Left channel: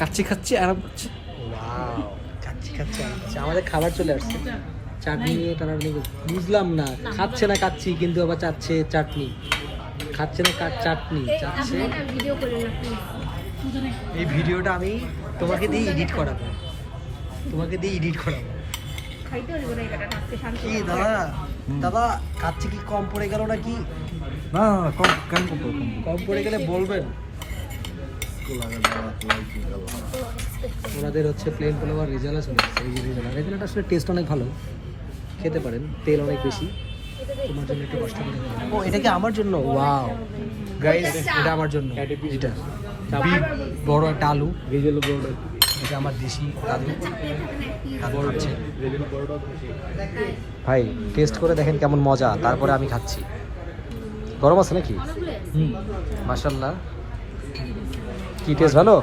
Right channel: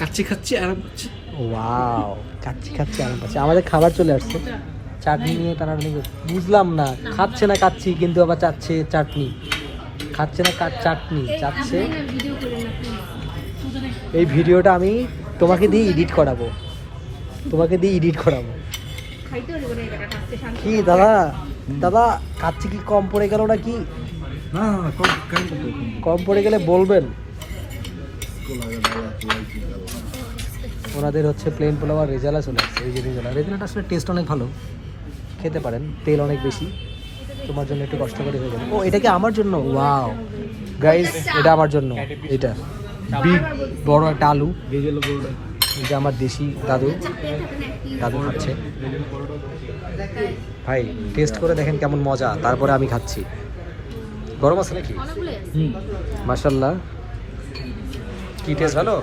কাচ্চি খাচ্ছি আরাম করছি। ওয়াও, কাচ্চি খাচ্ছে আরাম করছে। আমাদের খাবার চলে আসছে, চাটনি নিয়ে টানাটানি করছে। বুঝলাম না, খাচ্ছে না কাচ্চি কিন্তু আবার চাচ্ছে চাটনি, খাচ্ছে না চাটনি চাচ্ছে। এই ভিডিওটা আমি তোমাকে দিয়ে এডিট করাবো, কি দাদা? দাদা কাচ্চি কি কম পড়ে গেল নাকি? না কম কেন কম পড়ে গেলে বলবেন। ওনাদের হচ্ছে প্লেন পোলাও আর রেজালা চলে আসছে। এই যে রেজালাটা আসলে টেস্ট অনেক ভালো, খেতে পারেন, তেল অনেক বেশি। তোমার জন্য একটু কষ্ট করে হয়ে যাবে। ও এটা কি আমার জন্য? ওয়াও গাইস, এটা আমার জন্য। এটা বিগ বড় একটা আলু, এটা আমার দেশি দাদু খাচ্ছে। ভাই টেস্ট করে দেখেন কেমন মজা, তারপরে আমি খাচ্ছি। গরম আছে নাকি? মাশাআল্লাহ, কি টেস্ট ভালো।